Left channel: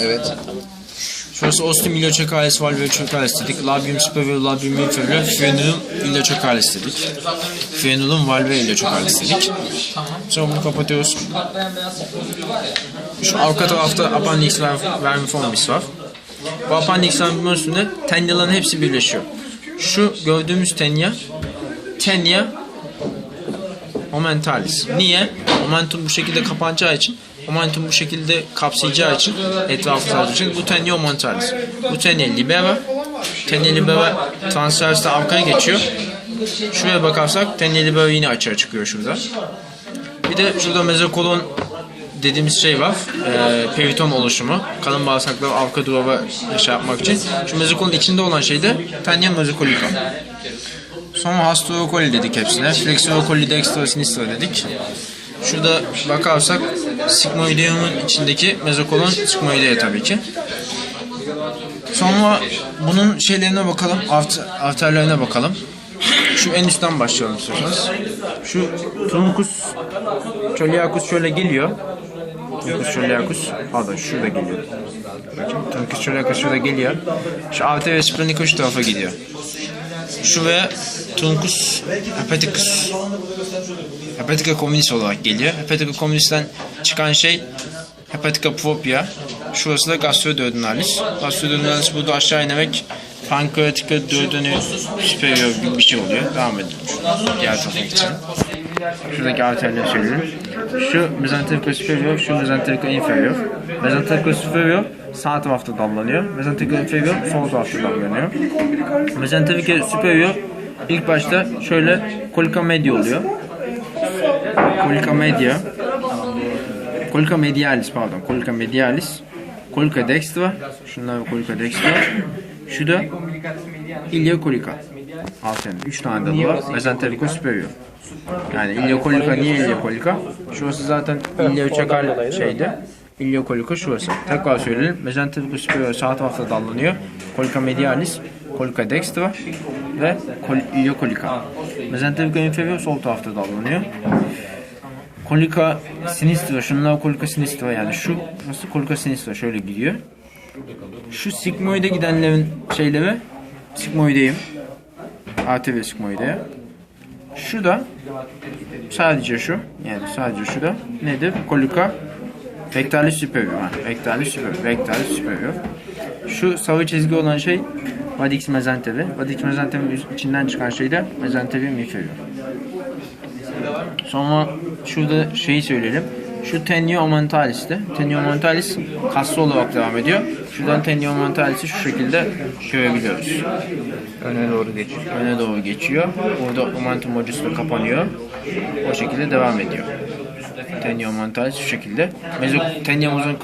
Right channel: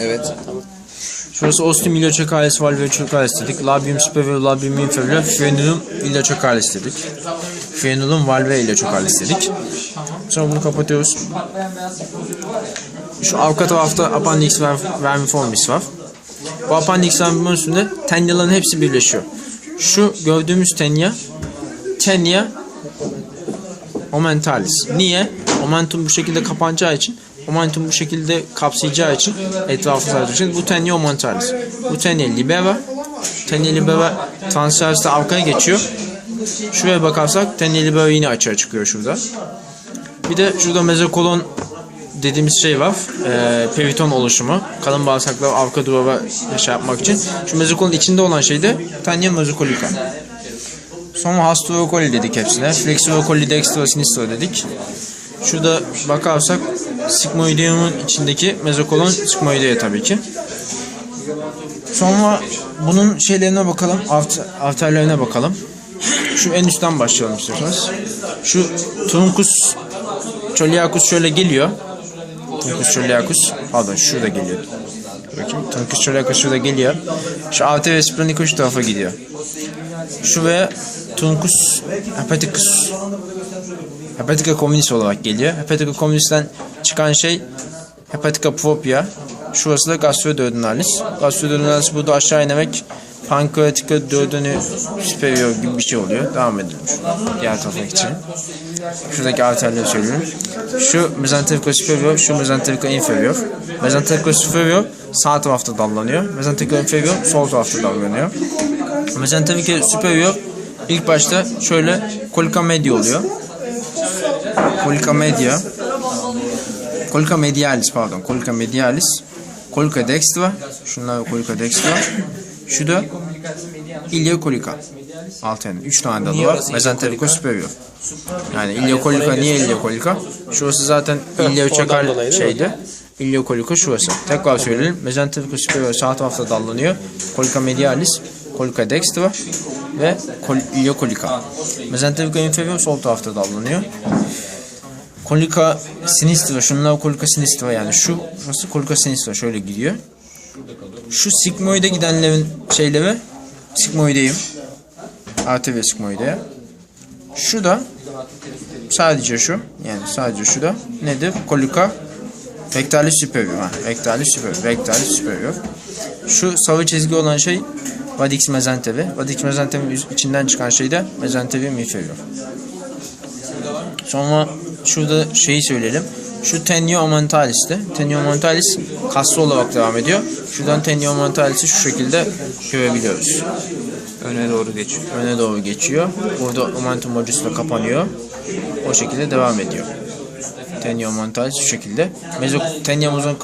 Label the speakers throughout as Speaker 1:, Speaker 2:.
Speaker 1: Evet. Şurası ostum çök ailesi dedik. Labium superior, labium inferior, frenulum ilioçak ailesi dedik. Frenulum valve ilioçak ailesi dedik. Sonra bunu kapatıyoruz. Şu arka tarafta appendix ver- vermiformis var. Bu appendix vermiformis üstünde tenyaların hepsi birleşiyor. Şu gördüğümüz tenya, tenya momentalis. Niye? Momentum bu şekilde kapanacağı için, momentum bu şekilde kapsayacağı için, etrafı için bu tenia momentalis. Bu tenia libera. Tenia libera transverste arkaya geçiyor. Şuraya bakarsak tenia libera yine açığa çıkıyor şurada. Bir de şurada mezokolon dediğimiz şey var. E, periton oluşumu. Kalın bağırsaklar arka duvara şey yapmak için. Şu mezokolon içinde olan şey de tenia mezokolika. Sonra hastuokoli dedik hepsine. Flexuokoli dextro sinistro dedik. Şurada bakarsak sigmoideum'un içindeki mezokolon sigmoidea tabii ki. Sonra bunun şeylerine bakalım, art- arterlerine bakalım. Şu en üstten başlayalım istiyorsanız. Şu truncus choliacus şöyle geliyor. Truncus choliacus, pardon şurada geliyor. Bakayım, truncus choliacus şurada geliyor. Şu arteria splenica şu tarafa gidiyor. Şuraya Truncus hepaticus Hepatica communis olarak geliyor. Hepatica communis'ten çıkan şey Hepatica propria. Şurası da gastroduodenalis. Gastroduodenalis burada aşağı inerek pankreatica duodeni superior gibi bir şey oluyor. Devam edelim. Diğer tarafa geçelim. Şuradaki arterleri söyleyelim. Şu mesenterica superior, şu mesenterica inferior. Mesenterica superior sağ tarafta dallanıyor. Mesenterica inferior sol tarafta dallanıyor. Mesenterica superior ilk başta şöyle colica media oluyor. Colica media. Colica medialis pardon. Colica medialis. Colica dextra. Şunlar colica dextra. Şu da iliocolica. Altın. Üç tane dalı var. Mesenterica superior. Yani iliocolica niye iliocolica? Şurası zaten ilioçakal şeyde. Iliocolica şurası. Tekrar söyleyelim. Mesenterica superior sağ tarafta dallanıyor. Colica medialis, colica dextra ve col- iliocolica. Mesenterica inferior sol tarafta dallanıyor. Colica sinistra, şunlar colica sinistra yani şu nasıl colica sinistra şöyle gidiyor. Şu sigmoide gidenlerin şeyleri sigmoideyim. Arteria sigmoidea. Şu da sadece şu yani sadece şu da nedir? Colica rectalis superior. Ha, rectalis superior. Rectalis superior. Şu sarı çizgi olan şey Vadix mesentevi. Vadix mesentevi içinden çıkan şey de mesentevi inferior. Sonra şurada şeyi söyleyelim. Şu tenio mentalis'te. Tenio mentalis kaslı olarak devam ediyor. Şuradan tenio mentalis'i şu şekilde görebiliyoruz.
Speaker 2: Öne doğru geçiyor.
Speaker 1: Öne doğru geçiyor. Burada momentum modus da kapanıyor. O şekilde devam ediyor. Tenio mentalis şu şekilde. Mezo, teniomuzun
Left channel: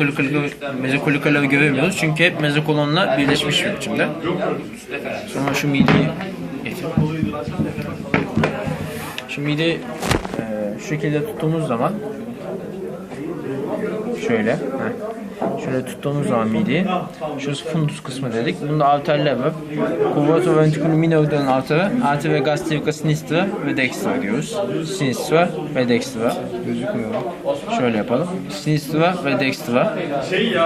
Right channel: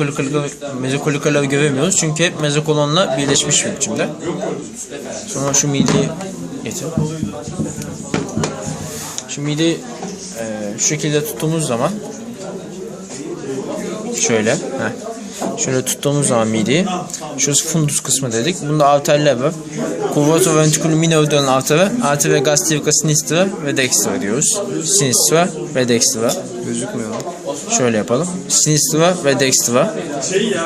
Speaker 1: mezokolikaları göremiyoruz. Çünkü hep mezokolonla birleşmiş bir biçimde. Sonra şu mideyi getir. Şu mideyi e, şu şekilde tuttuğumuz zaman şöyle heh. Şöyle tuttuğumuz zaman mideyi şurası fundus kısmı dedik. Bunda arterler var. Curvatus ventriculum dönen arteri, arteria gastrica sinistra ve dextra diyoruz. Sinistra ve dextra.
Speaker 2: Gözükmüyor.
Speaker 1: Şöyle yapalım. Sinistra ve dextra.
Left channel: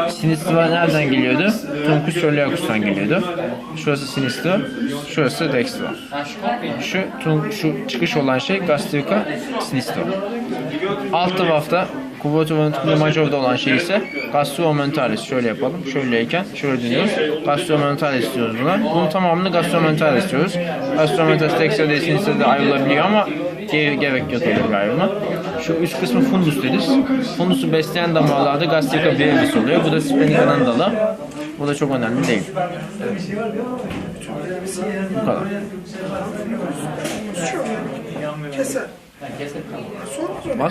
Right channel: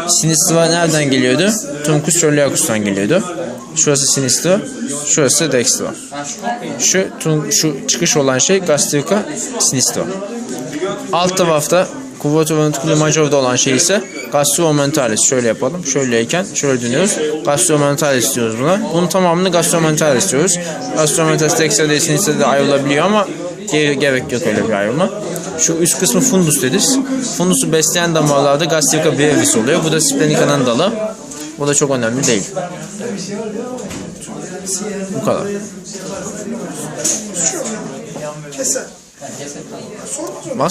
Speaker 1: Sinistra nereden geliyordu? Truncus coeliacus'tan geliyordu. Şurası sinistra, şurası dextra. Şu tun- şu çıkış olan şey gastrica sinistra. Alt tarafta Curvatus ventriculum major'da olan şey ise gastromentalis. Şöyle yapalım. Şöyleyken şöyle dönüyoruz. Gastromentalis diyoruz buna. Bunun tamamını gastromentalis diyoruz. Gastromentalis dextra değil sinistra de ayrılabiliyor ama ge- gerek yok öyle bir ayrılma. Şu üst kısmı fundus deriz. Fundusu besleyen damarlarda gastrica brevis oluyor. Bu da splenica'nın dalı. Bu da çok önemli değil. Bu kadar. Bas.